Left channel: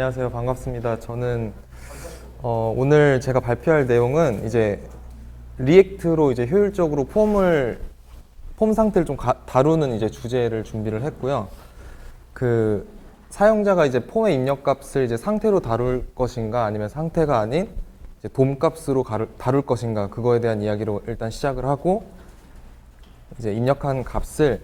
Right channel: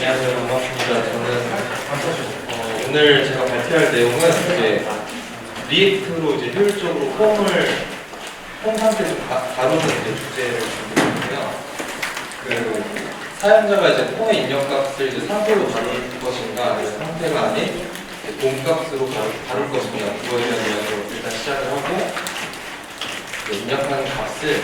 안녕하세요. 반갑습니다. 저는 오늘 제가 발표할 내용은 이제 리액트로 이제 효율적으로 폼 상태를 좀 다루는 이제 주제를 준비를 했고요. 그 사용자가 이제 폼의 입력값을 이제 상태로 다룰 것인가 아니면 상태가 아닌 폼값으로 다룰 것인가 그거에 대한 이야기로 일단 시작을 하고 입력하는 값을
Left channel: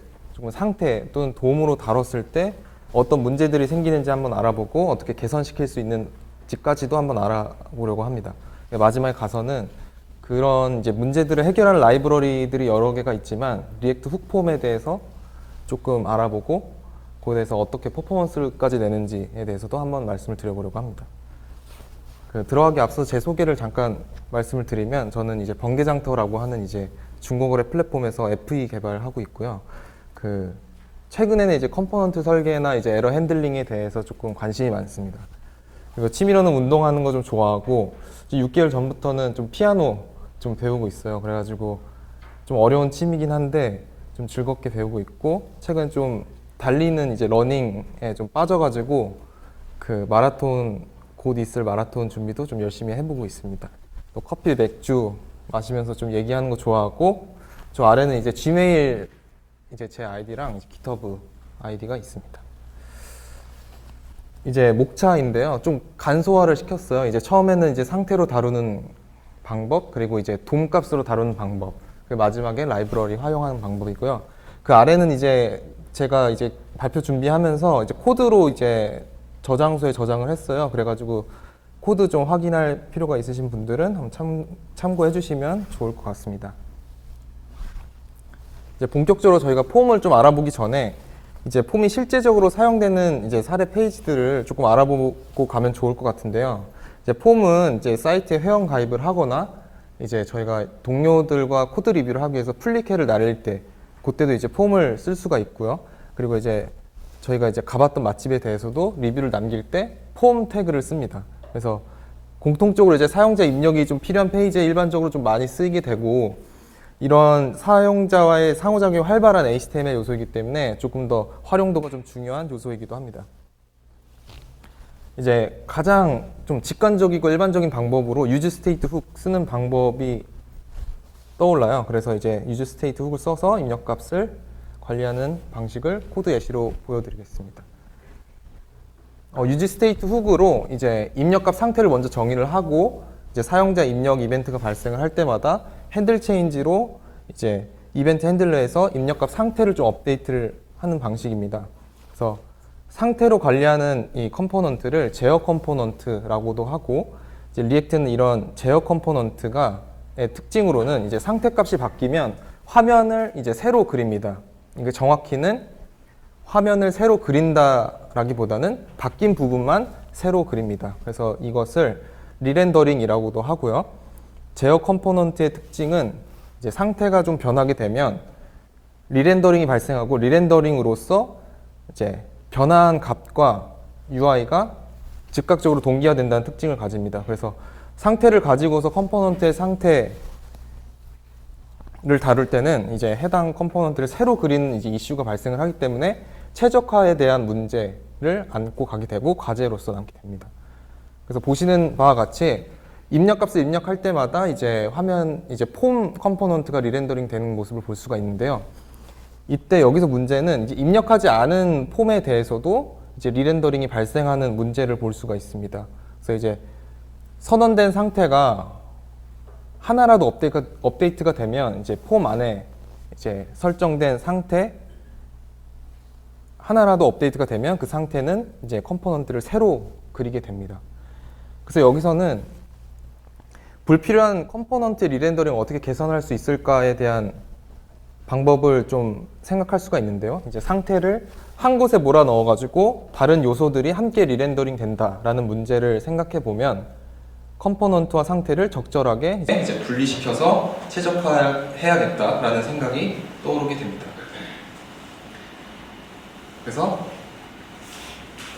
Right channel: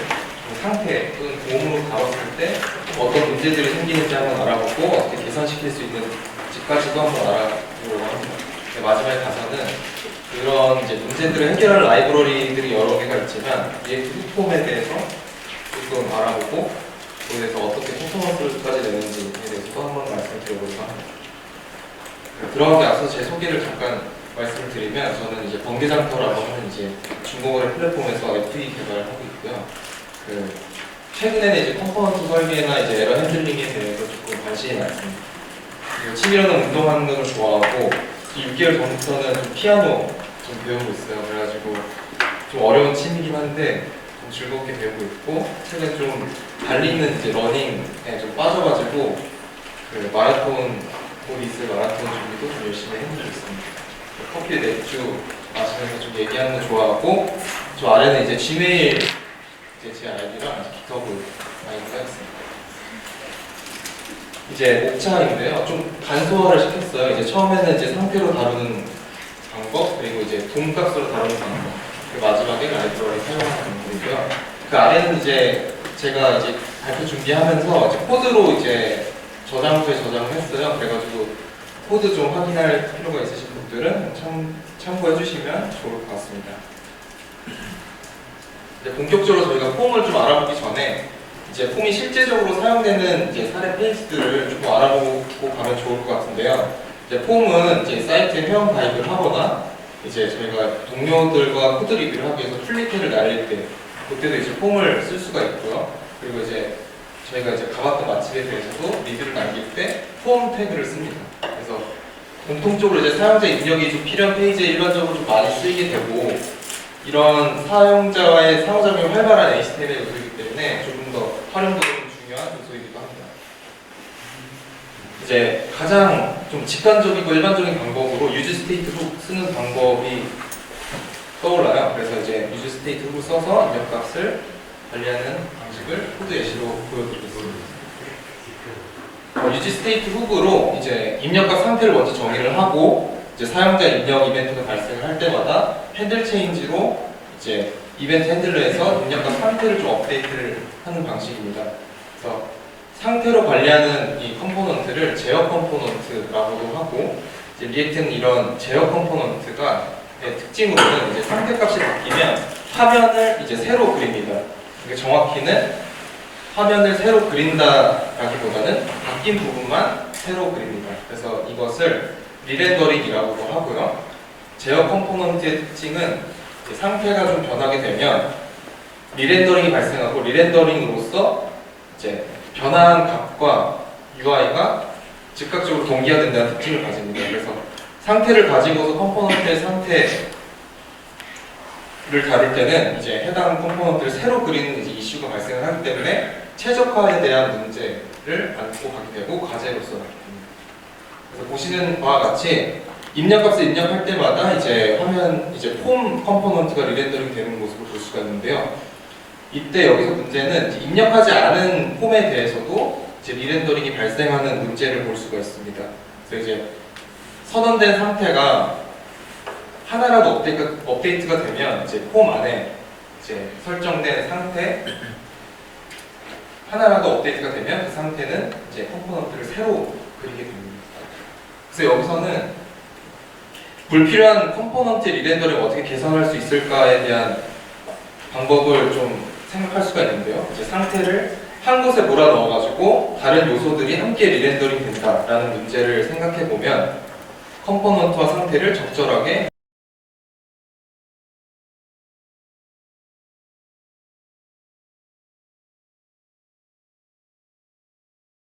상태 또는 폼으로 다뤘을 때 어떤 문제들이 생기는지 한번 알아보고 어떻게 개선시킬 수 있는지까지도 한번 알아보려고 합니다. 마지막에 가서는 그런 이제 문제들을 해결할 라이브러리들이 여러 개가 있지만 리액트 훅폼에 대해서 조금 알아보고 그에서 어떻게 퍼포먼스까지 내는지에 대해서도 한번 말씀을 드리려고 합니다. 들어가기 앞서 제 소개를 잠깐 말씀을 드리면 저는 이제 번개장터라고 하는 이제 중고거래 플랫폼에서 FTV 개발을 하고 있고요. 최근에는 이제 컴포넌트 설계나 이제 에러 핸들링에 대해서 조금 관심이 많습니다. 취미로는 운동하는 걸 좀 좋아하고 6개월 전부터는 좀 피아노 좀 배우고 있어요. 그래가지고 좀 어려운 취미긴 한데 좀 즐겁게 배우고 있고 최근에 좀 달리는 이제 러닝에 좀 빠져가지고 마라톤 곧 있을 마라톤 준비도 좀 열심히 해보고 있습니다. 커피, 맥주 마시면서 좀 얘기하는 거 좋아하고 좀 아래는 이제 지메일 이제 제 아이디랑 기터브 아이디가 있습니다. 이제 목차인데요. 좀 간소화를 시켰어요. 이제 처음에는 이제 상태로 다루는 방법, 그리고 이제 폼값으로 다루는 방법, 그리고 마지막에 라이브러리 사용하는 방법이고요. 그 아래는 이제 제가 이제 발표 준비하면서 이제 코드로 이제 저장소에 저장을 했어요. 그래가지고 코드 좀 확인할 필요가 있으신 분들은 참고해 주시면 좋을 것 같습니다. 이제 본격적으로 저희가 폼을 좀 알아보기 전에 이제 폼이 실제적으로 사용되는 이제 사례 페이지들을 조금 알아보고 가면 좋을 것 같은데요. 이제 폼은 이제 사이트에 회원 가입을 하거나 이제 저희가 동료들과 코드 리뷰를 하기 위해서 플리트를 날릴 때 그때도 이제 폼을 쓸 수가 있고요. 그리고 이제 저희가 이제 가봤던 맛집에 대해서도 리뷰를 남길 때 폼 태그를 씁니다. 그래서 공통적으로 이제 사용자 입력이 좀 필요한 페이지에 일반적으로 좀 많이 쓰이게 되고 이런 사용자와의 상호작용이 활발한 HTML 요소이기 때문에 조금 더 활용도가 좀 중요한 요소이기도 합니다. 이제 가장 좀 직관적이고 일반적인 방법으로 유즈 스테이트 훅 쓰는 방법이 떠올라요. 그래서 이제 유즈 스테이트 훅을 써서 입력 값을 관리하는 방식을 코드 예시로 보여드리겠습니다. 유즈 스테이트 훅으로 이제 입력값 상태를 먼저 정의를 하고 이제 사용자 입력 이벤트가 발생할 때마다 핸들 체인지로 이제 이벤트 핸들러에서 입력값 상태를 좀 업데이트를 하는 방식입니다. 그래서 상태로 관리하는 이 컴포넌트를 제어 컴포넌트라고도 하고 이제 리액트는 이런 제어 컴포넌트가 특징으로는 이제 상태값이 바뀌면 화면을 이제 새로 그립니다. 이게 정확히는 화면을 새로 그린다라기보다는 바뀐 부분만 새로 그립니다. 그래서 이것을 리렌더링이라고도 하고요. 제어 컴포넌트의 특징은 이제 상태가 좀 변하게 되면 리렌더링이 발생하고 리렌더링으로서 이제 변화한 값과 UI가 즉각적으로 동기화된다는 특징을 가집니다. 그래서 상태를 가지고서 컴포넌트의 상태를 다룰 때는 이제 해당 컴포넌트를 새로 그리는 이제 이슈가 발생하기 때문에 최적화에 대한 문제를 안고 가게 되고 과제로서 나게 됩니다. 그래서 보시는 바와 같이 입력값을 입력할 때마다 이제 화면 이제 폼 컴포넌트가 리렌더링 되는 모습을 볼 수가 있는데요. 이때 여기서 문제는 이제 입력하지 않은 폼에 대해서도 이제 리렌더링이 발생하는 문제를 볼 수가 있습니다. 그래서 이제 선언된 상태가 하나라도 업데이트가 되면 이제 폼 안에 이제 설정된 상태 하나라도 업데이트가 되면 그 상태는 이제 컴포넌트를 새로 그리게 됩니다. 그래서 여기서는 불필요한 컴포넌트 리렌더링을 어떻게 개선할 수 있을까에 대한 방법을 좀 생각할 수가 있는데요. 이제 상태를 한 곳에 몰아 넣어가지고 다른 요소들이 함께 리렌더링 된다라는 문제를 생각해 보면 컴포넌트와 상태를 적절하게 이제 분리시켜서 최적화해야겠다라는 생각이 떠오르게 됩니다. 그래서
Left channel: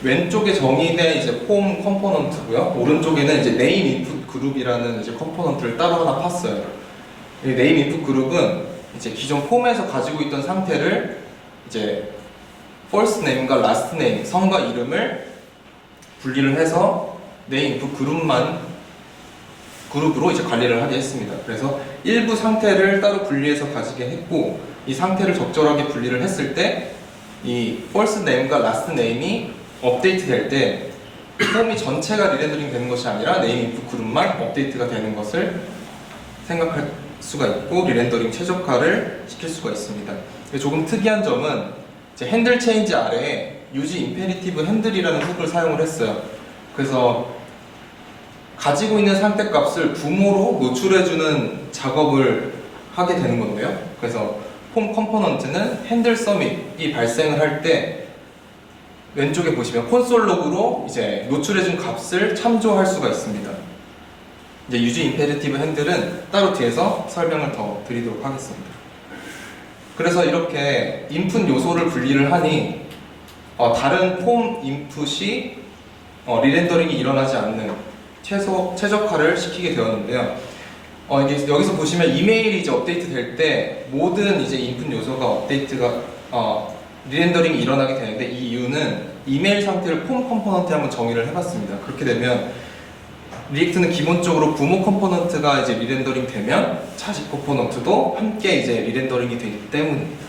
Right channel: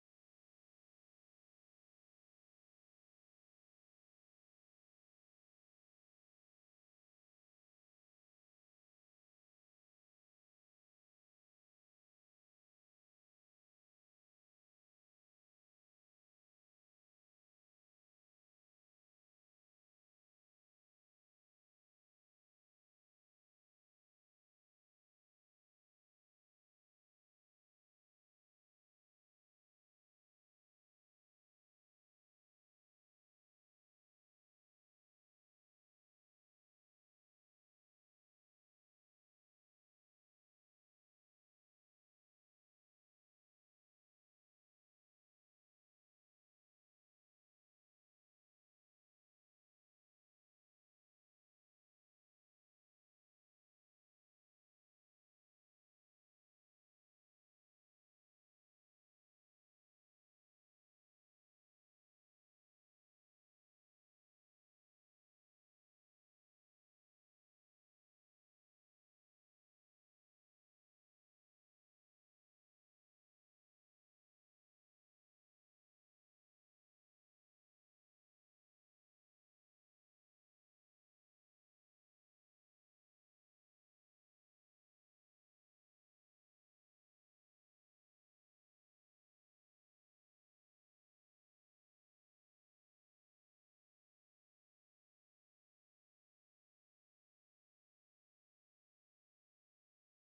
왼쪽에 정의된 이제 폼 컴포넌트고요. 오른쪽에는 이제 네임 인풋 그룹이라는 이제 컴포넌트를 따로 하나 팠어요. 이 네임 인풋 그룹은 이제 기존 폼에서 가지고 있던 상태를 이제 first name과 last name 성과 이름을 분리를 해서 네임 인풋 그룹으로 이제 관리를 하게 했습니다. 그래서 일부 상태를 따로 분리해서 가지게 했고, 이 상태를 적절하게 분리를 했을 때 이 false name과 last name이 업데이트 될 때 폼이 전체가 리렌더링 되는 것이 아니라 네임 인풋 그룹만 업데이트가 되는 것을 생각할 수가 있고, 리렌더링 최적화를 시킬 수가 있습니다. 조금 특이한 점은 이제 핸들 체인지 아래에 유지 임페리티브 핸들이라는 훅을 사용을 했어요. 그래서 가지고 있는 상태 값을 부모로 노출해주는 작업을 하게 되는 건데요. 그래서 폼 컴포넌트는 핸들 서밋이 발생을 할 때 왼쪽에 보시면 콘솔 로그로 이제 노출해준 값을 참조할 수가 있습니다. 이제 유지 임페리티브 핸들은 따로 뒤에서 설명을 더 드리도록 하겠습니다. 그래서 이렇게 인풋 요소를 분리를 하니 다른 폼 인풋이 리렌더링이 일어나지 않는 최적화를 시키게 되었는데요. 이게 여기서 보시면 이메일이 이제 업데이트 될 때 모든 이제 인풋 요소가 업데이트가 리렌더링이 일어나게 되는데, 이 이유는 이메일 상태를 폼 컴포넌트에 한번 정의를 해봤습니다. 그렇게 되면 리액트는 기본적으로 부모 컴포넌트가 이제 리렌더링 되면 자식 컴포넌트도 함께 이제 리렌더링이 되기 때문입니다.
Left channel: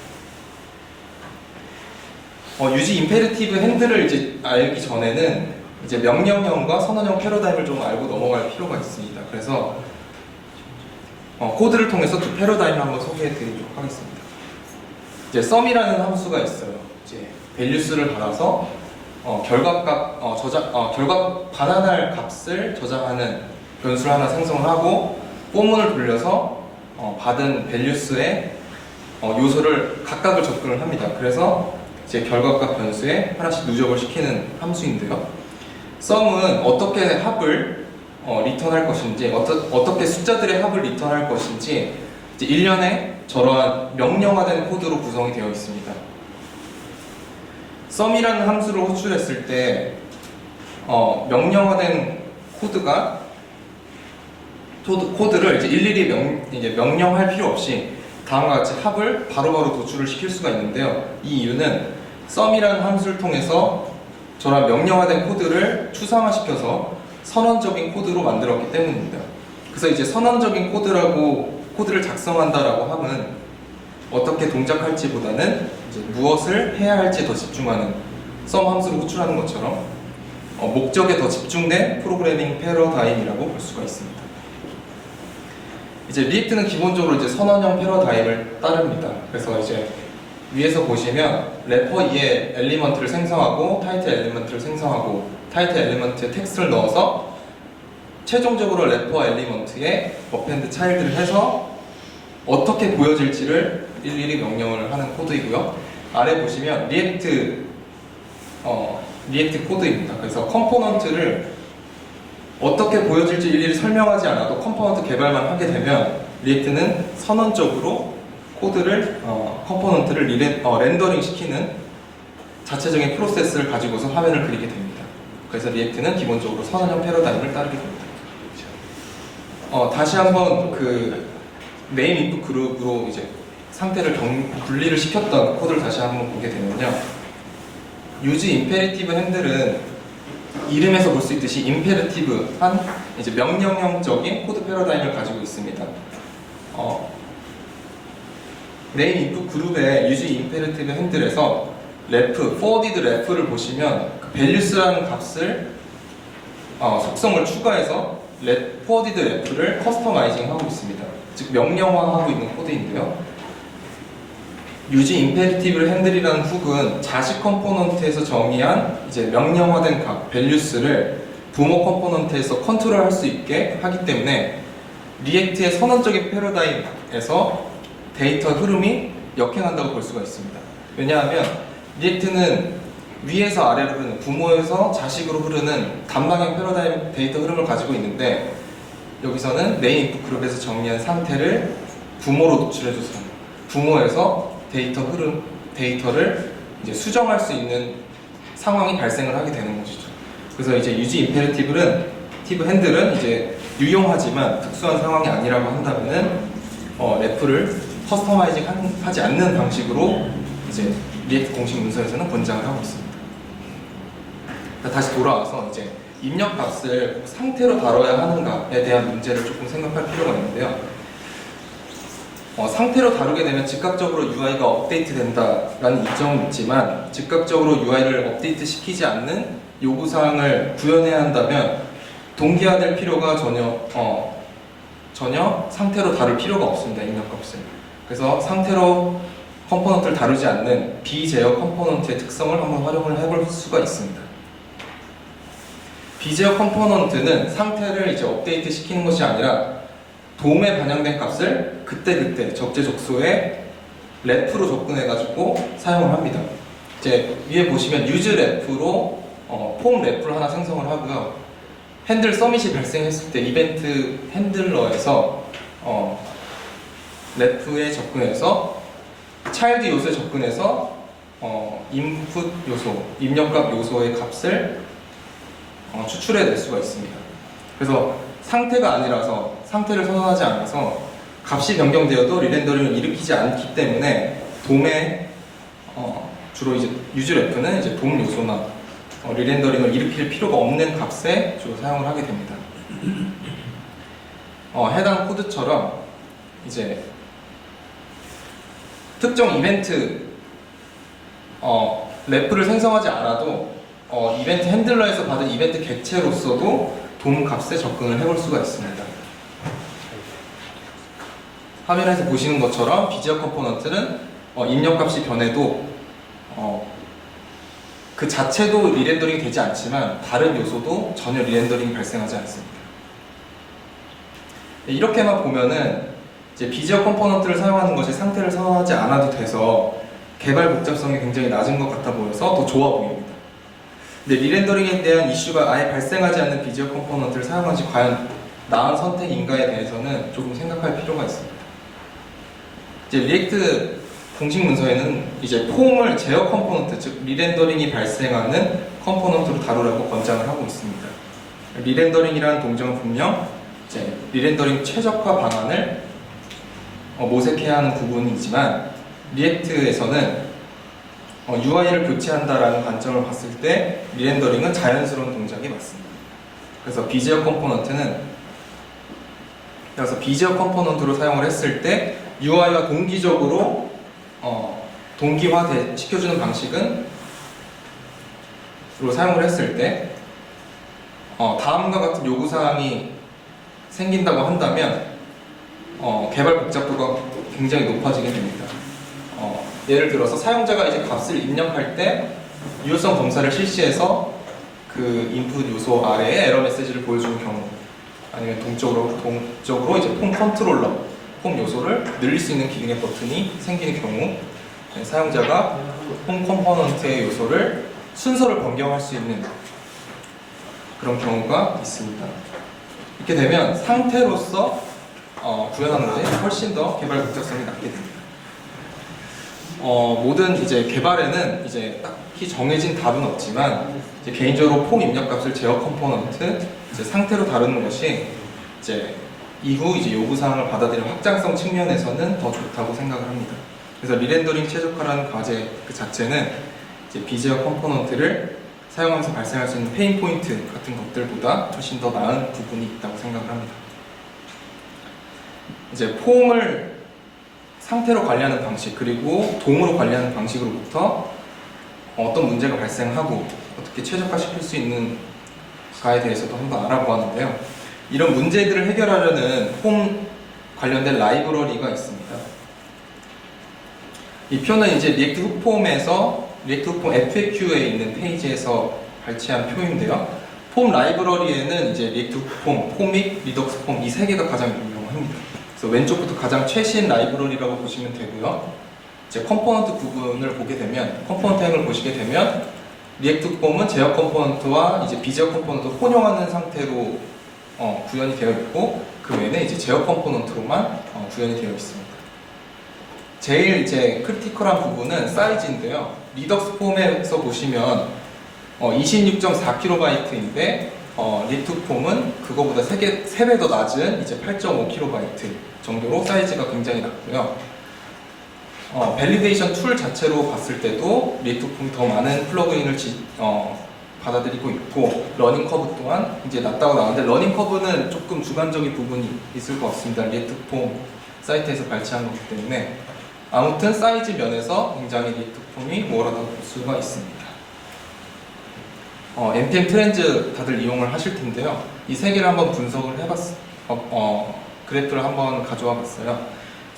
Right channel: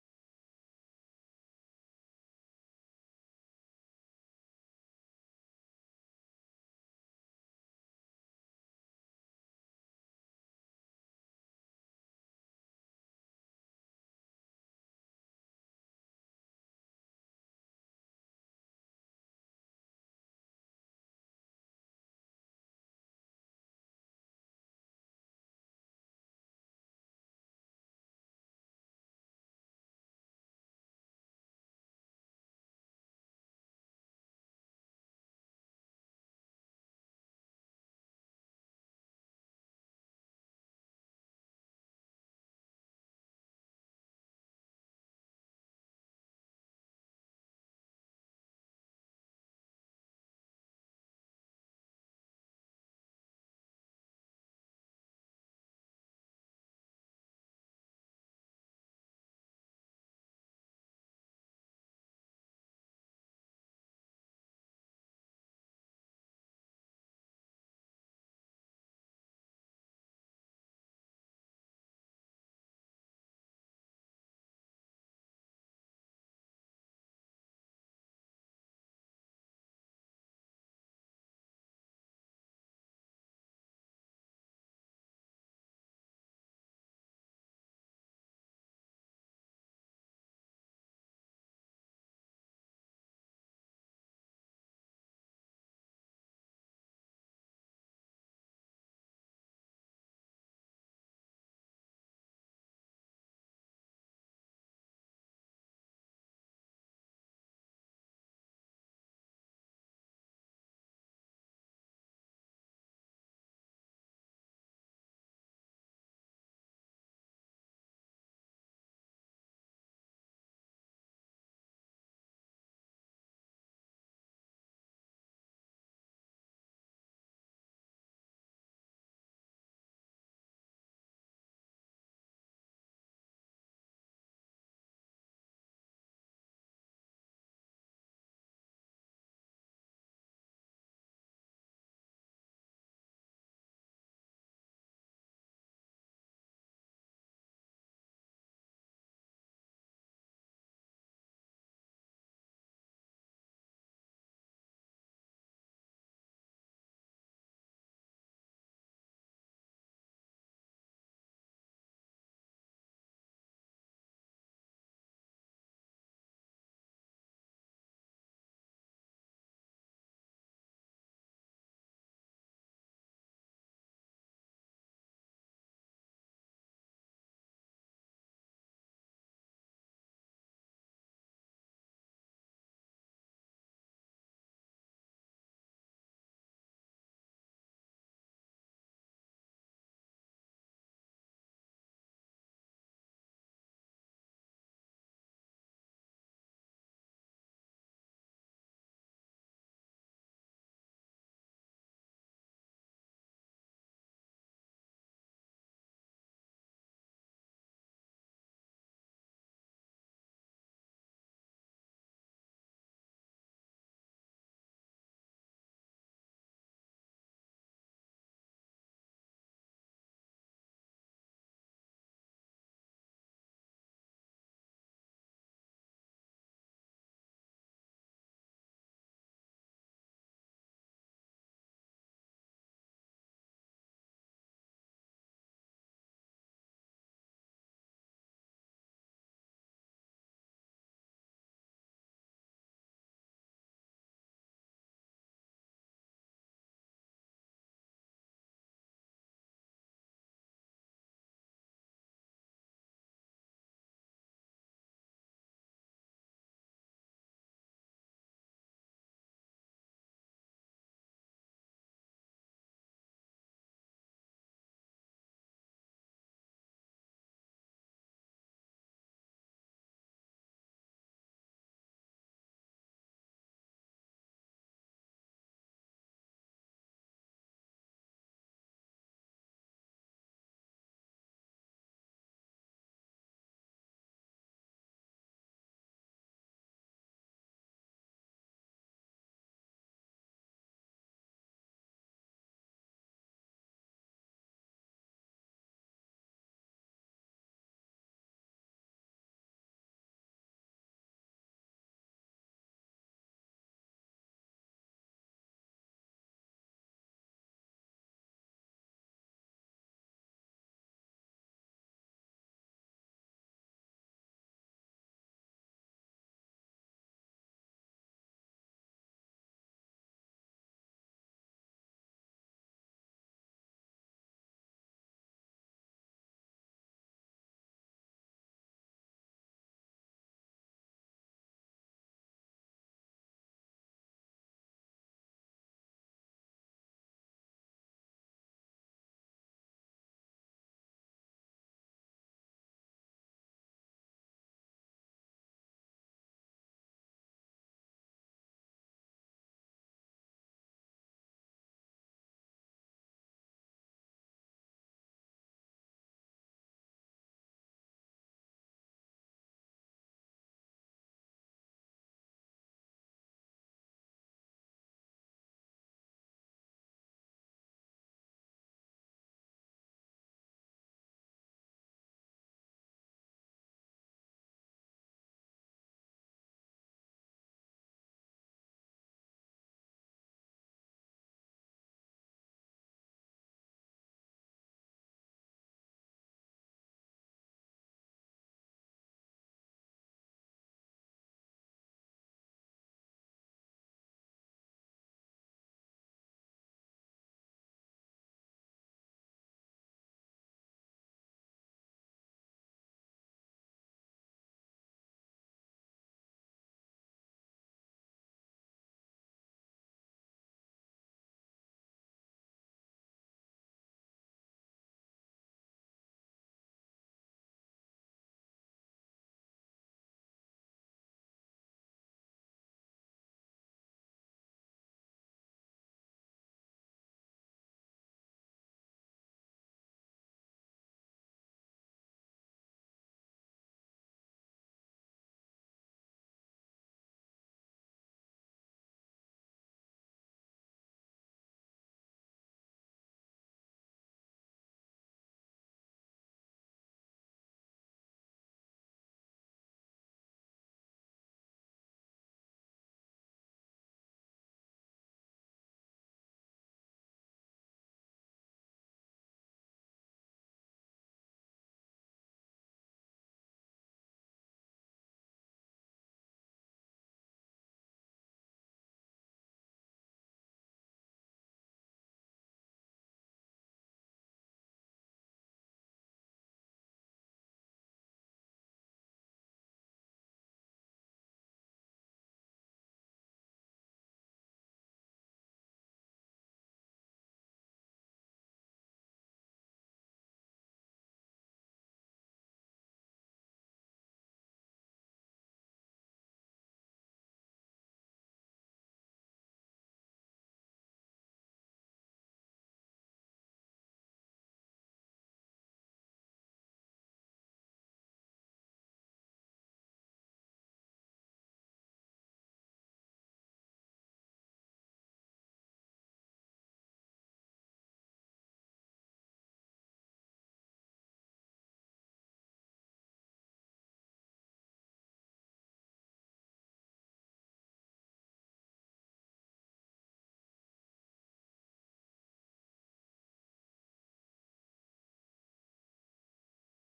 유지 임페리티브 핸들을 이제 알기 전에는 이제 명령형과 선언형 패러다임을 좀 알고 넘어갈 필요가 있습니다. 그래서 코드를 통해서 두 패러다임을 한번 소개해 드리도록 하겠습니다. 이제 sum이라는 함수가 있어요. 이제 values를 받아서 결과값 결과 반환할 값을 저장하는 변수를 하나 생성을 하고, 포문을 돌려서 받은 values의 요소를 각각을 접근을 합니다. 그래서 이제 결과값 변수에 하나씩 누적을 시키는 함수인데요. sum은 어떻게 합을 리턴할 것인지, 어떻게 숫자들의 합을 리턴할 것인지 이제 일련의 저러한 명령화된 코드로 구성이 되어 있습니다. sum이라는 함수를 호출했을 때 명령화된 코드를 이제 일일이 이제 명령할 필요 없이 다음과 같이 합을 바로바로 도출을 시킬 수가 있는데요. 이 이유는 sum이라는 함수를 통해서 저런 명령화된 코드를 추상화시켜서 선언적인 코드로 만들었기 때문입니다. 그래서 이제 선언적인 코드를 작성한다라고 함은 어떻게 동작할지보다는 이제 무엇을 해야 할지 더 집중하는 sum 함수를 호출하는 것처럼 목적에 더 집중된 프로그래밍 패러다임이라고 볼 수가 있습니다. 이제 리액트는 기본적으로 이제 선언형 패러다임을 따릅니다. 그래서 이제 위에서 보시면 래퍼 2의 엘리먼트를 생성하고 타이틀 엘리먼트를 생성하고 타이틀 엘리먼트에 텍스트를 넣어서 최종적으로 래퍼 엘리먼트에 어펜드 차일드를 해서 어떻게 보여질지를 일일이 명령을 하는 코드이고요. 아래 보시면 리액트 코드입니다. 그래서 컴포넌트를 어떻게 보여질지 일일이 설명하지 않아도 컴포넌트 개발만 하게 되면 리액트는 선언적으로 컴포넌트를 렌더링 시키는 자체적인 프로세스를 가지고서 화면을 그리게 됩니다. 그래서 리액트는 기본적으로 선언형 패러다임을 따르게 됩니다. 다시 한번 그 네임 인풋 그룹으로 이제 상태를 분리를 시켰던 코드를 다시 한번 보게 되면요. 유지 임페리티브 핸들은 이름에서 볼 수 있듯이 임페리티브한 이제 명령형적인 코드 패러다임을 가지고 있습니다. 네임 인풋 그룹의 유지 임페리티브 핸들에서 forwarded ref를 보시면 그 values라는 값을 속성을 추가해서 forwarded ref를 커스터마이징 하고 있습니다. 즉 명령화하고 있는 코드인데요. 유지 임페리티브 핸들이라는 훅은 자식 컴포넌트에서 정의한 이제 명령화된 값 values를 부모 컴포넌트에서 컨트롤할 수 있게 하기 때문에 리액트의 선언적인 패러다임에서 데이터 흐름이 역행한다고 볼 수가 있습니다. 왜냐하면 리액트는 위에서 아래로 흐르는, 부모에서 자식으로 흐르는 단방향 패러다임 데이터 흐름을 가지고 있는데, 여기서는 네임 인풋 그룹에서 정리한 상태를 부모로 노출해줘서 부모에서 데이터를 이제 수정할 수 있는 상황이 발생을 하게 되는 것이죠. 그래서 이제 유지 임페리티브 핸들은 이제 유용하지만 특수한 상황이 아니라고 한다면은 래프를 커스터마이징 하지 않는 방식으로 이제 리액트 공식 문서에서는 권장을 하고 있습니다. 다시 돌아와서 이제 입력값을 꼭 상태로 다뤄야 하는가에 대한 문제를 조금 생각할 필요가 있는데요. 상태로 다루게 되면 즉각적으로 UI가 업데이트 된다라는 이점은 있지만 즉각적으로 UI를 업데이트 시키지 않는 요구사항을 구현해야 한다면 동기화될 필요가 전혀 상태로 다룰 필요가 없습니다. 입력값을. 그래서 상태로 컴포넌트를 다루지 않는 비제어 컴포넌트의 특성을 한번 활용을 해볼 수가 있습니다. 비제어 컴포넌트는 상태를 이제 업데이트 시키는 것이 아니라 돔에 반영된 값을 그때그때 적재적소에 랩으로 접근해가지고 사용을 합니다. 이제 위에 보시면 use 랩으로 폼 랩을 하나 생성을 하고요. 핸들 서밋이 발생했을 때 이벤트 핸들러에서 랩에 접근해서 차일드 요소에 접근해서 인풋 요소, 입력값 요소의 값을 추출해낼 수가 있습니다. 그래서 상태가 아니라서 상태를 선언하지 않아서 값이 변경되어도 리렌더링을 일으키지 않기 때문에 돔에 주로 이제 유즈레프는 이제 돔 요소나 리렌더링을 일으킬 필요가 없는 값에 주로 사용을 하게 됩니다. 해당 코드처럼 이제 특정 이벤트 래프를 생성하지 않아도 이벤트 핸들러에서 받은 이벤트 객체로서도 돔 값에 접근을 해볼 수가 있습니다. 화면에서 보시는 것처럼 비지어 컴포넌트는 입력값이 변해도 그 자체도 리렌더링이 되지 않지만 다른 요소도 전혀 리렌더링이 발생하지 않습니다. 이렇게만 보면은 이제 비지어 컴포넌트를 사용하는 것이 상태를 선언하지 않아도 돼서 개발 복잡성이 굉장히 낮은 것 같아 보여서 더 좋아 보입니다. 근데 리렌더링에 대한 이슈가 아예 발생하지 않는 비지어 컴포넌트를 사용한 지 과연 나은 선택인가에 대해서는 조금 생각할 필요가 있습니다. 이제 리액트 공식 문서에는 이제 폼을 제어 컴포넌트, 즉 리렌더링이 발생하는 컴포넌트로 다루라고 권장을 하고 있습니다. 리렌더링이라는 동작은 분명 이제 리렌더링 최적화 방안을 모색해야 하는 부분이지만 리액트에서는 UI를 교체한다라는 관점을 봤을 때 리렌더링은 자연스러운 동작이 맞습니다. 그래서 비지어 컴포넌트로 사용을 했을 때 UI와 동기적으로 동기화 시켜주는 방식은 로 사용을 했을 때 다음과 같은 요구사항이 생긴다고 한다면 개발 복잡도가 굉장히 높아지게 됩니다. 예를 들어서 사용자가 이제 값을 입력할 때 유효성 검사를 실시해서 그 인풋 요소 아래에 에러 메시지를 보여주는 경우, 아니면 동적으로 이제 폼 컨트롤러, 폼 요소를 늘릴 수 있는 기능의 버튼이 생기는 경우, 사용자가 폼 컴포넌트의 요소를 순서를 변경할 수 있는 그런 경우가 있습니다. 이렇게 되면 상태로서 구현하는 것이 훨씬 더 개발 복잡성이 낮게 됩니다. 모든 이제 개발에는 이제 딱히 정해진 답은 없지만 이제 개인적으로 폼 입력값을 제어 컴포넌트 이제 상태로 다루는 것이 이제 이후 이제 요구사항을 받아들이는 확장성 측면에서는 더 좋다고 생각을 합니다. 그래서 리렌더링 최적화라는 과제 그 자체는 이제 비제어 컴포넌트를 사용하면서 발생할 수 있는 페인 포인트 같은 것들보다 훨씬 더 나은 부분이 있다고 생각을 합니다. 이제 폼을 상태로 관리하는 방식 그리고 돔으로 관리하는 방식으로부터 어떤 문제가 발생하고 어떻게 최적화시킬 수 있는가에 대해서도 한번 알아보았는데요. 이런 문제들을 해결하려는 폼 관련된 라이브러리가 있습니다. 이 표는 이제 리액트 훅폼에서 리액트 훅폼 FAQ에 있는 페이지에서 발췌한 표인데요. 폼 라이브러리에는 이제 리액트 훅폼, 포믹, 리덕스 폼 이 세 개가 가장 유명합니다. 그래서 왼쪽부터 가장 최신 라이브러리라고 보시면 되고요. 이제 컴포넌트 부분을 보게 되면, 컴포넌트 행을 보시게 되면 리액트 폼은 제어 컴포넌트와 이제 비제어 컴포넌트를 혼용하는 상태로 구현이 되어 있고, 그 외에는 이제 제어 컴포넌트로만 구현이 되어 있습니다. 제일 이제 크리티컬한 부분은 사이즈인데요. 리덕스 폼에서 보시면 26.4kB인데 리액트 폼은 그거보다 3배 더 낮은 이제 8.5kB 정도로 사이즈가 굉장히 낮고요. 밸리데이션 툴 자체로 봤을 때도 리액트 폼이 더 많은 플러그인을 받아들이고 있고 러닝 커브 또한 이제 낮다고 나오는데 러닝 커브는 조금 주관적인 부분이 있을 것 같습니다. 리액트 폼 사이트에서 발췌한 거기 때문에 아무튼 사이즈 면에서 굉장히 리액트 폼이 우월하다고 볼 수가 있습니다. npm 트렌즈 다들 이용을 하실 텐데요. 이 세 개를 한번 분석을 그래프를 한번 가져와 봤어요.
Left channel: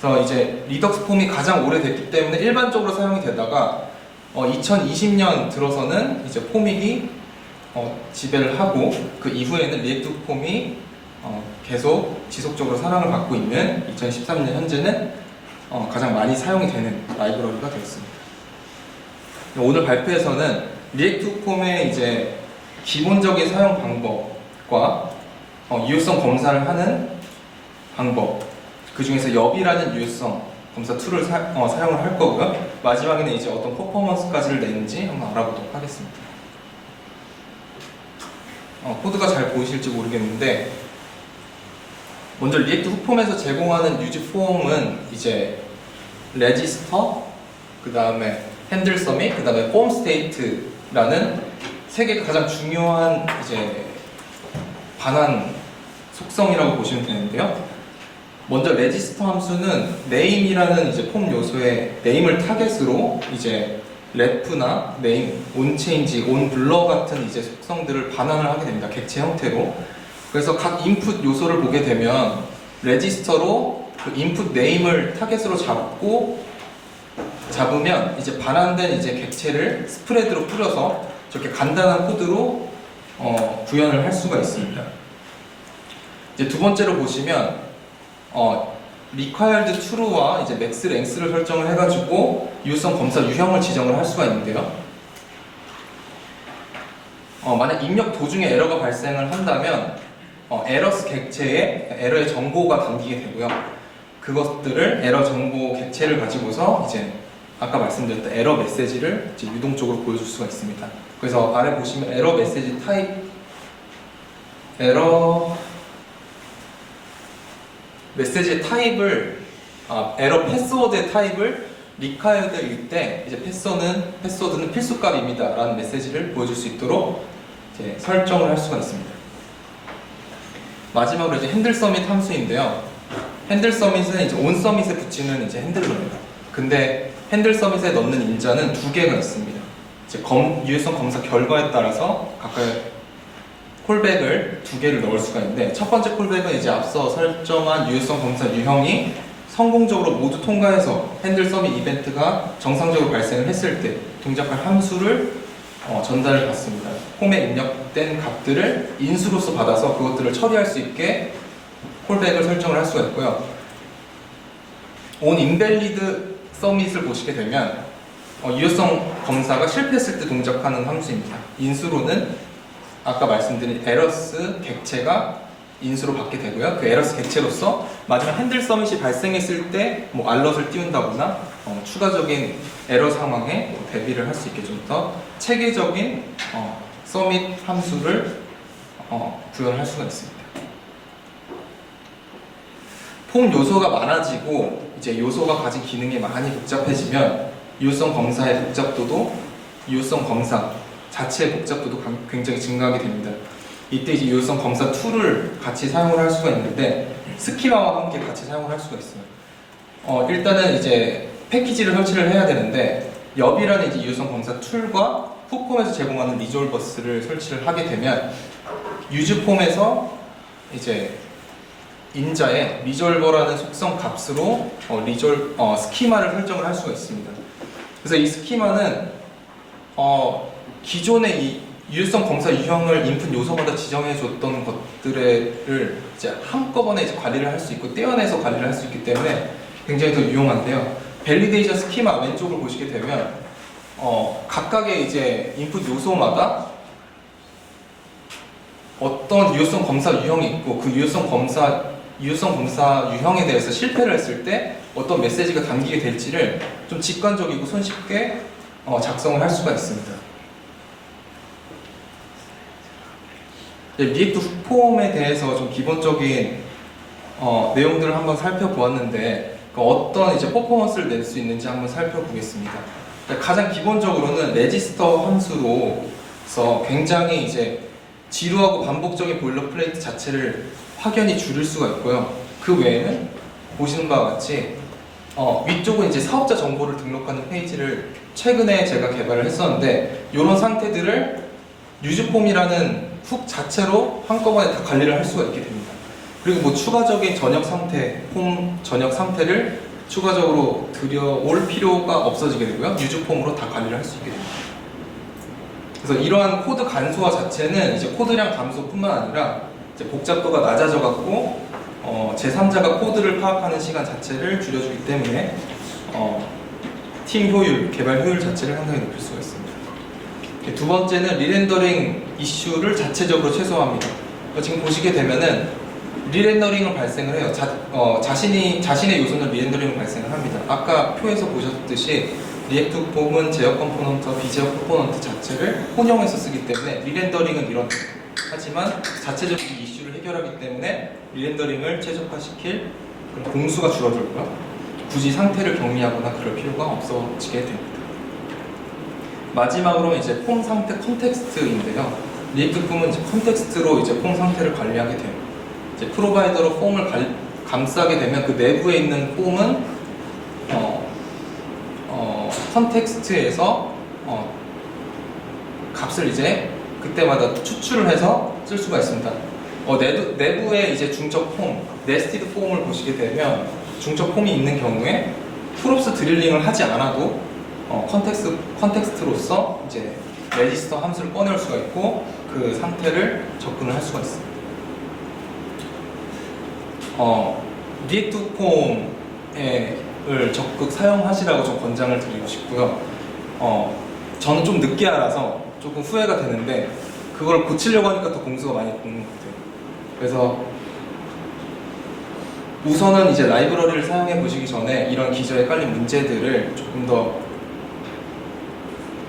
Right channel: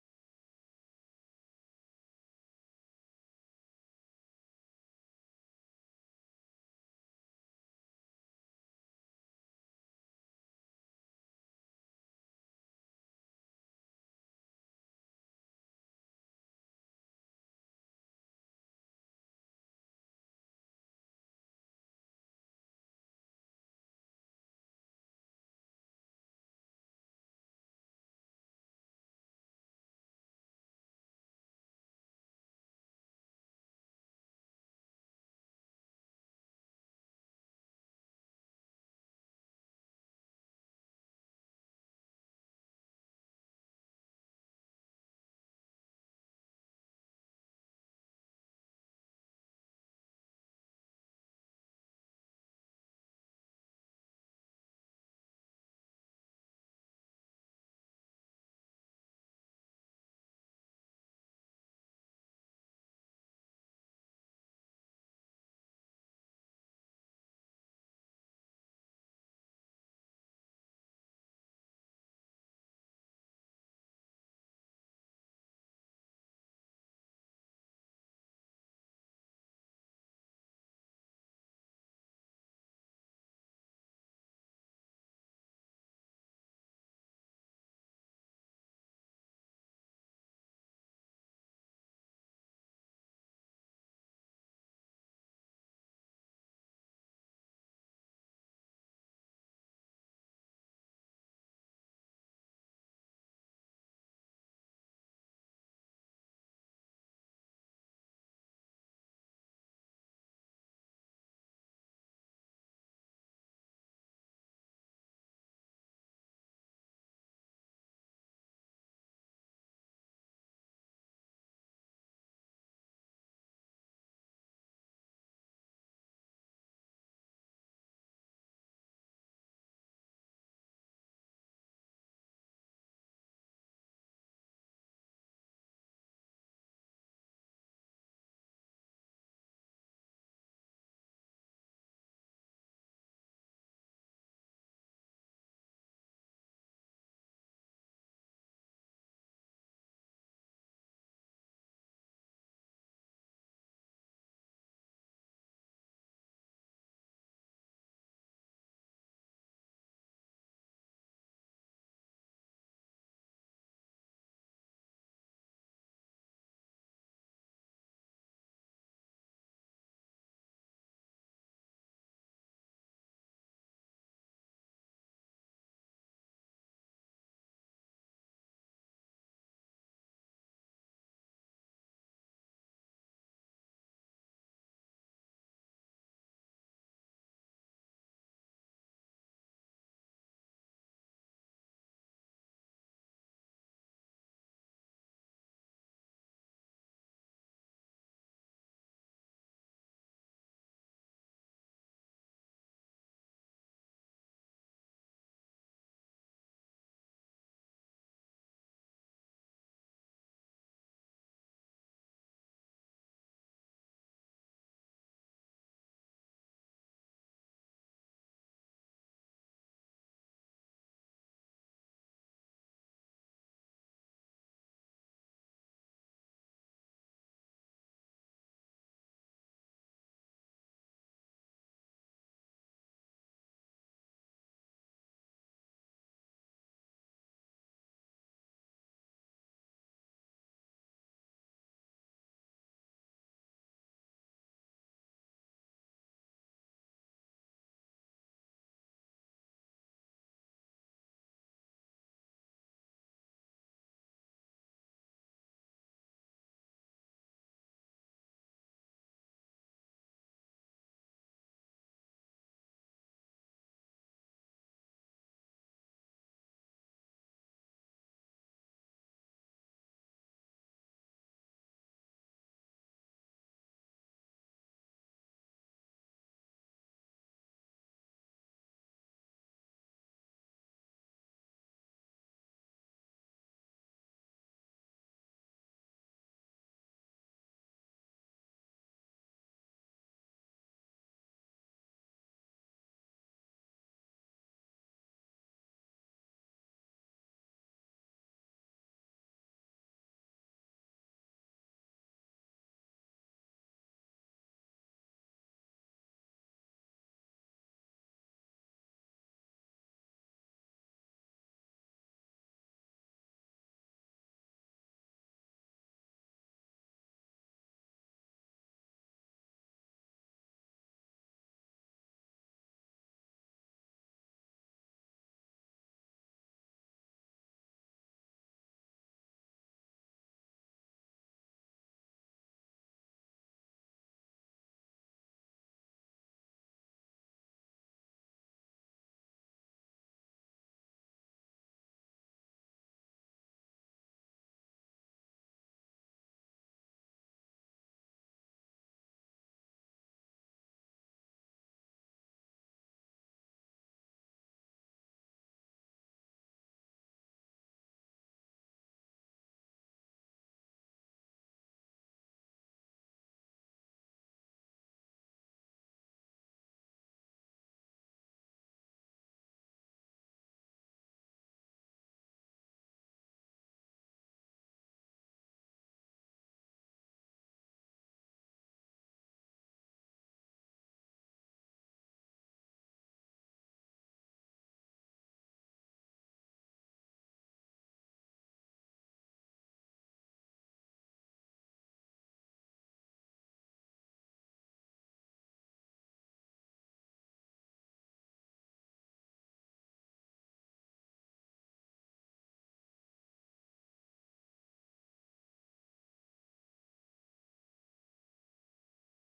그래서 이제 리덕스 폼이 가장 오래됐기 때문에 일반적으로 사용이 되다가 2020년 들어서는 이제 포믹이 지배를 하고 그 이후에는 리액트 폼이 계속 지속적으로 사랑을 받고 있는 2013년 현재는 가장 많이 사용이 되는 라이브러리가 되었습니다. 오늘 발표에서는 리액트 폼의 이제 기본적인 사용 방법과 유효성 검사를 하는 방법, 그 중에서 엽이라는 유효성 검사 툴을 사용을 할 거고요. 마지막에는 이제 어떤 퍼포먼스까지를 내는지 한번 알아보도록 하겠습니다. 코드가 잘 보이실지 모르겠는데 먼저 리액트 훅폼에서 제공하는 유즈 폼은 이제 레지스터, 그 다음에 핸들 서밋, 그 다음에 폼 스테이트라는 세 개가 가장 중요한 이제 반환 속성이라고 보시면 되는데요. 먼저 레지스터 함수는 name이라는 이제 폼 요소의 name을 타겟으로 이제 ref나 name, onChange, onBlur 같은 이제 속성들을 반환을 하게 됩니다. 객체 형태로. 그래서 각 인풋 요소를 보게 되면 레지스터로 그 인풋 name을 타겟으로 잡으면 이제 반환된 이제 객체를 스프레드로 뿌려서 저렇게 간단한 코드로 구현을 할 수가 있습니다. 이제 두 번째로 보시면 required true와 이제 max length를 설정을 해가지고 유효성 검사 유형을 지정을 할 수가 있는데요. 만약 입력 도중에 에러가 발생을 한다면 에러스 객체에 에러의 정보가 담기게 되고요. 그것들을 에러 정보 객체를 가지고서 이제 아까 말씀드렸던 에러 메시지를 이제 유동적으로 보여줄 수가 있습니다. 그래서 아래 보시면 에러 메시지 타입, 에러 메시지의 타입을 에러 패스워드의 타입을 required일 때 이제 패스워드는 필수값입니다 라는 메시지를 보여줄 수 있도록 이제 설정을 할 수가 있습니다. 마지막으로 이제 핸들 서밋 함수인데요. 핸들 서밋은 이제 온 서밋에 붙이는 이제 핸들러입니다. 근데 핸들 서밋에 넣는 인자는 두 개가 있습니다. 이제 유효성 검사 결과에 따라서 각각 콜백을 두 개를 넣을 수가 있는데 첫 번째 콜백은 이제 앞서 설정한 유효성 검사 유형이 성공적으로 모두 통과해서 핸들 서밋 이벤트가 정상적으로 발생을 했을 때 동작할 함수를 전달을 받습니다. 폼에 입력된 값들을 인수로서 받아서 그것들을 처리할 수 있게 콜백을 설정을 할 수가 있고요. on invalid submit을 보시게 되면 유효성 검사가 실패했을 때 동작하는 함수입니다. 인수로는 아까 말씀드린 에러스 객체가 인수로 받게 되고요. 그 에러스 객체로서 마지막 핸들 서밋이 발생했을 때 뭐 알럿을 띄운다거나 추가적인 에러 상황에 대비를 할 수 있게 좀 더 체계적인 서밋 함수를 구현할 수가 있습니다. 폼 요소가 많아지고 이제 요소가 가진 기능이 많이 복잡해지면 유효성 검사의 복잡도도 유효성 검사 자체의 복잡도도 굉장히 증가하게 됩니다. 이때 이제 유효성 검사 툴을 같이 사용을 할 수가 있는데 스키마와 함께 같이 사용을 할 수가 있어요. 일단은 이제 패키지를 설치를 해야 되는데 엽이라는 이제 유효성 검사 툴과 훅폼에서 제공하는 리졸버스를 설치를 하게 되면 유즈폼에서 이제 인자의 리졸버라는 속성 값으로 스키마를 설정을 할 수가 있습니다. 그래서 이 스키마는 기존의 이 유효성 검사 유형을 인풋 요소마다 지정해 줬던 것들을 이제 한꺼번에 이제 관리를 할 수 있고 떼어내서 관리를 할 수 있기 때문에 굉장히 더 유용한데요. 밸리데이션 스키마 왼쪽을 보시게 되면 각각의 이제 인풋 요소마다 어떤 유효성 검사 유형이 있고 그 유효성 검사 유형에 대해서 실패를 했을 때 어떤 메시지가 담기게 될지를 좀 직관적이고 손쉽게 작성을 할 수가 있습니다. 리액트 훅폼에 대해서 좀 기본적인 내용들을 한번 살펴보았는데 어떤 이제 퍼포먼스를 낼 수 있는지 한번 살펴보겠습니다. 가장 기본적으로는 레지스터 함수로 그래서 굉장히 이제 지루하고 반복적인 보일러플레이트 자체를 확연히 줄일 수가 있고요. 그 외에는 보시는 바와 같이 위쪽은 이제 사업자 정보를 등록하는 페이지를 최근에 제가 개발을 했었는데 이런 상태들을 유즈폼이라는 훅 자체로 한꺼번에 다 관리를 할 수가 있게 됩니다. 그리고 뭐 추가적인 전역 상태, 폼 전역 상태를 추가적으로 들여올 필요가 없어지게 되고요. 유즈폼으로 다 관리를 할 수 있게 됩니다. 그래서 이러한 코드 간소화 자체는 이제 코드량 감소뿐만 아니라 이제 복잡도가 낮아져 갖고 제3자가 코드를 파악하는 시간 자체를 줄여주기 때문에 팀 효율, 개발 효율 자체를 상당히 높일 수가 있습니다. 두 번째는 리렌더링 이슈를 자체적으로 최소화합니다. 지금 보시게 되면은 리렌더링을 발생을 해요. 자신의 요소는 리렌더링을 발생을 합니다. 아까 표에서 보셨듯이 리액트 폼은 제어 컴포넌트와 비제어 컴포넌트 자체를 혼용해서 쓰기 때문에 리렌더링은 이런 하지만 자체적인 이슈를 해결하기 때문에 리렌더링을 최적화시킬 그런 공수가 줄어들고요. 굳이 상태를 격리하거나 그럴 필요가 없어지게 됩니다. 마지막으로 이제 폼 상태 컨텍스트인데요. 리액트 폼은 이제 컨텍스트로 이제 폼 상태를 관리하게 돼요. 이제 프로바이더로 폼을 감싸게 되면 그 내부에 있는 폼은 컨텍스트에서 값을 이제 그때마다 추출을 해서 쓸 수가 있습니다. 내부에 이제 중적 폼, 네스티드 폼을 보시게 되면 중적 폼이 있는 경우에 프롭스 드릴링을 하지 않아도 컨텍스트로서 이제 레지스터 함수를 꺼낼 수가 있고 그 상태를 접근을 할 수가 있습니다. 리액트 폼을 적극 사용하시라고 좀 권장을 드리고 싶고요. 저는 좀 늦게 알아서 조금 후회가 되는데 그걸 고치려고 하니까 더 공수가 많이 붙는 것 같아요. 그래서 우선은 이제 라이브러리를 사용해 보시기 전에 이런 기저에 깔린 문제들을 조금 더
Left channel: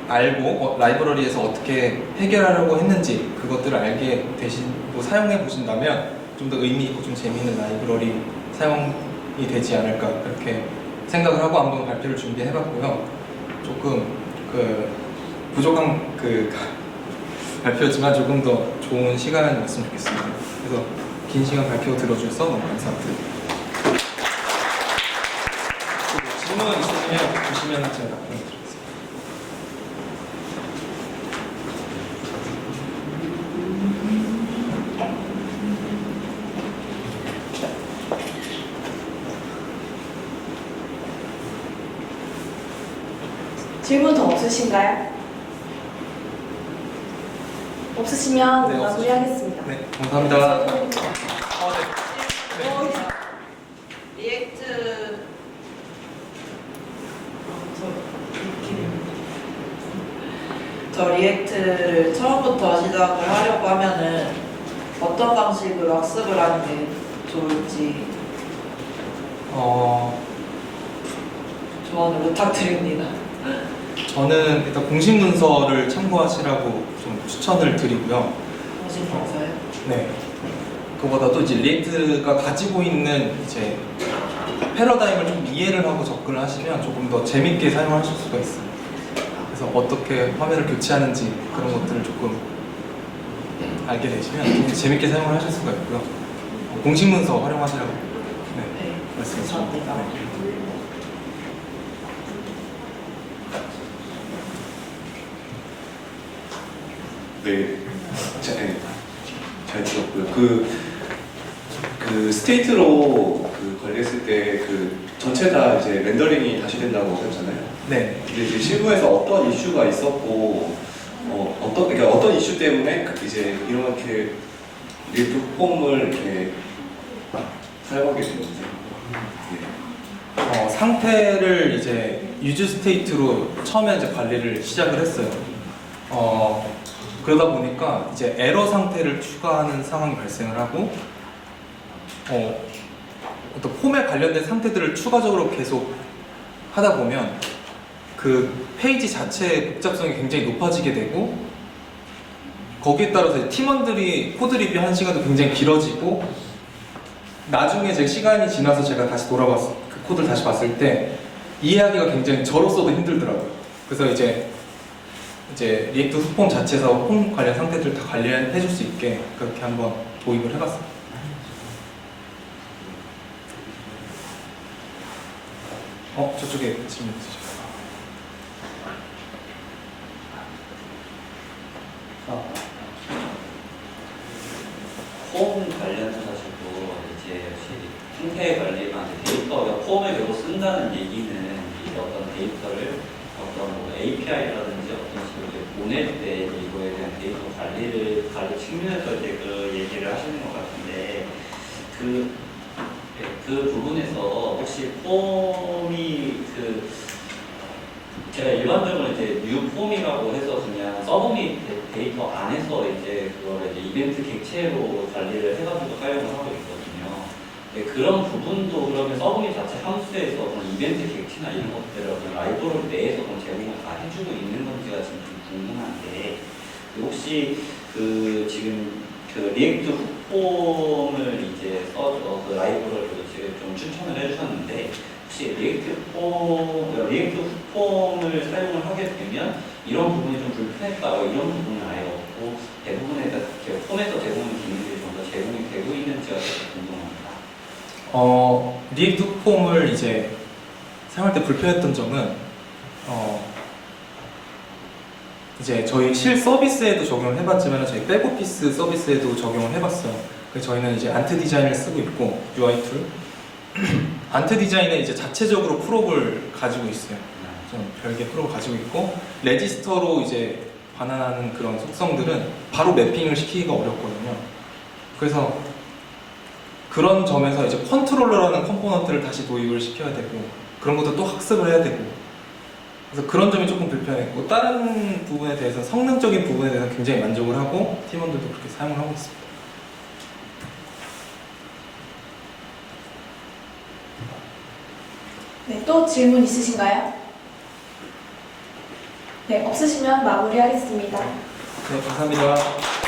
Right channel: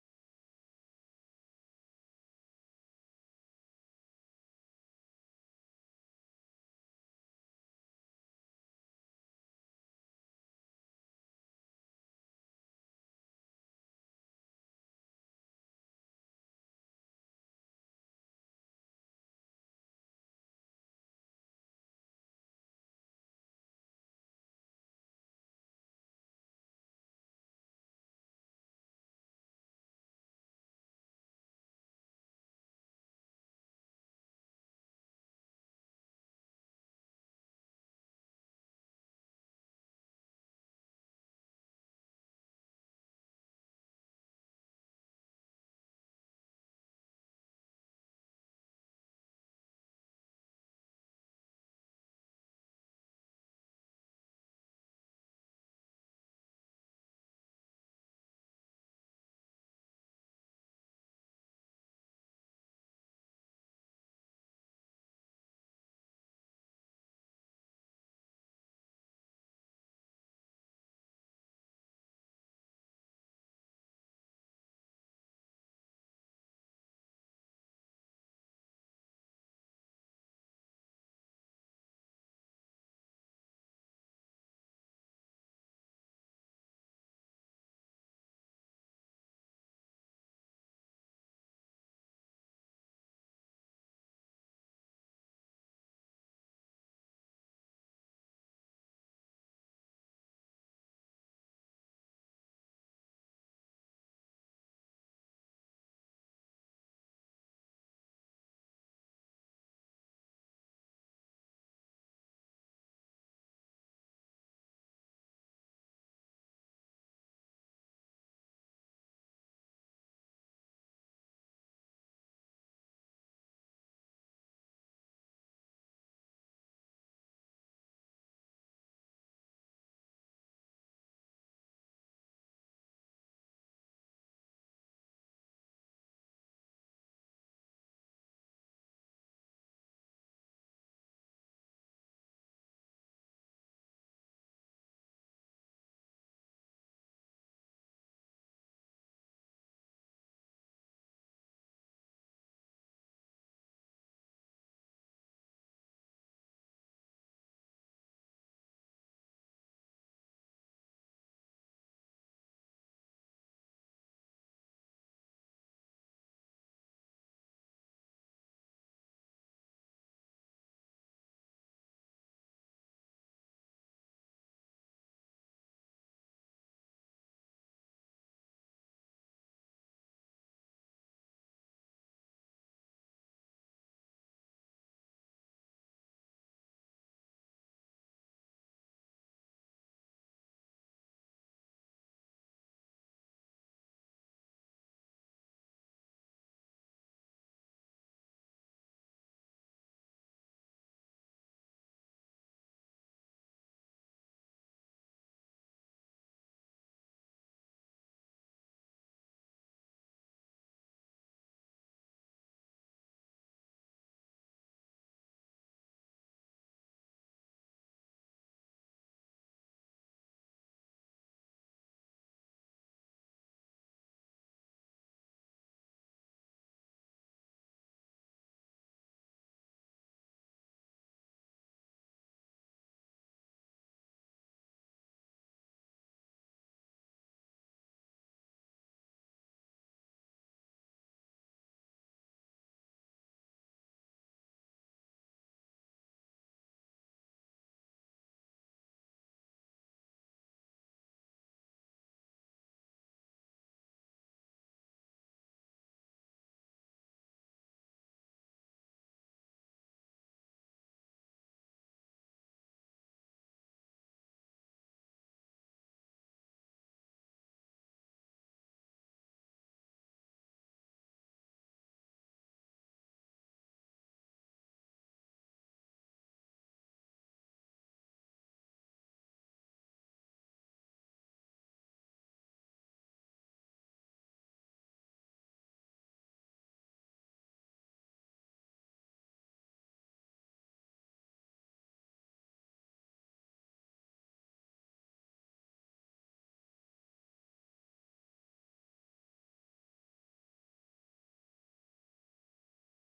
알고 라이브러리에서 어떻게 해결하려고 했는지 그것들을 알게 되시고 사용해 보신다면 좀 더 의미 있고 좀 재미있는 라이브러리 사용이 되지 않을까 그렇게 생각을 하고 한번 발표를 준비해 봤고요. 조금 부족한 발표였지만 조금 더 좋은 시간이었으면 좋겠습니다. 그래서 긴 시간 발표 들어주셔서 너무 감사드립니다. 질문 있으시면 주시면 제가 답변드리겠습니다. 질문 더 없으신가요? 없으시면 네, 마무리하겠습니다. 네, 감사합니다. 리액트 저 리액트를 처음부터 시작을 하려고 하면은 어떤 방식으로 학습을 하는 게 좋을지 조언을 부탁드립니다. 저는 일단 공식 문서를 참고하시라고 좀 추천을 드리고요. 정신 방사요? 네. 그보다도 이제 리액트가 가지고 있는 이제 패러다임을 좀 이해를 하고 접근을 하시면 조금 더 재밌게 사용하실 수가 있어요. 그래서 어떻게 화면을 교체하는지 그런 것들을 조금 알게 되시면 좀 재밌게 사용을 하실 수가 있고요. 공식 문서 활용하시라고 네, 말씀드립니다. 감사합니다. 네. 네, 잘 들었고요. 그 스테이트로 관리했을 때 전체 다 이제 렌더링이 다시 된다고 하셨잖아요. 네. 근데 이제 실무에서 어떤 이슈가 있었고, 그러니까 어떤 이슈 때문에 이제 이렇게 리액트 폼을 이렇게 사용하게 됐는지. 네. 상태를 이제 유즈 스테이트로 처음에 이제 관리를 시작을 했어요. 그러다 보니까 이제 에러 상태를 추가하는 상황이 발생을 하고 어떤 폼에 관련된 상태들을 추가적으로 계속 하다 보면 그 페이지 자체의 복잡성이 굉장히 높아지게 되고 거기에 따라서 이제 팀원들이 코드 리뷰하는 시간도 굉장히 길어지고 나중에 제 시간이 지나서 제가 다시 돌아봤을 그 코드를 다시 봤을 때 이해하기가 굉장히 저로서도 힘들더라고요. 그래서 이제 이제 리액트 후폼 자체에서 폼 관련 상태들 다 관리해 줄 수 있게 그렇게 한번 도입을 해봤습니다. 저쪽에 질문 있으실까요? 폼 관련해가지고 이제 역시 상태 관리가 데이터가 폼을 계속 쓴다는 얘기는 이제 어떤 데이터를 어떤 뭐 API라든지 어떤 식으로 이제 보낼 때 이거에 대한 데이터 관리 측면에서 이제 그 얘기를 하시는 것 같은데 그 부분에서 혹시 폼이 제가 일반적으로 이제 뉴 폼이라고 해서 그냥 서브밋 데이터 안에서 이제 그거를 이제 이벤트 객체로 관리를 해가지고 사용을 하고 있거든요. 네, 그런 부분도 그러면 서브밋 자체 함수에서 그런 이벤트 객체나 이런 것들을 그냥 라이브러리 내에서 그럼 제공을 다 해주고 있는 건지가 지금 좀 궁금한데 혹시 지금 리액트 후폼을 이제 써서 그 라이브러리로 지금 좀 추천을 해주셨는데 혹시 리액트 후폼을 사용을 하게 되면 이런 부분이 좀 불편했다 이런 부분은 아예 없고 대부분의 폼에서 제공하는 기능들이 좀 더 제공이 되고 있는지가 좀 궁금합니다. 리액트 후폼을 이제 사용할 때 불편했던 점은 이제 저희 실 서비스에도 적용을 해봤지만 저희 백오피스 서비스에도 적용을 해봤어요. 그래서 저희는 이제 안트 디자인을 쓰고 있고 UI 툴 안트 디자인에 이제 자체적으로 프롭을 가지고 있어요. 좀 별개 프롭을 가지고 있고 레지스터로 이제 반환하는 그런 속성들은 바로 매핑을 시키기가 어렵거든요. 그래서 그런 점에서 이제 컨트롤러라는 컴포넌트를 다시 도입을 시켜야 되고 그런 것도 또 학습을 해야 되고 그래서 그런 점이 조금 불편했고 다른 부분에 대해서 성능적인 부분에 대해서 굉장히 만족을 하고 팀원들도 그렇게 사용을 하고 있습니다. 네, 또 질문 있으신가요? 네, 없으시면 마무리하겠습니다. 네, 감사합니다.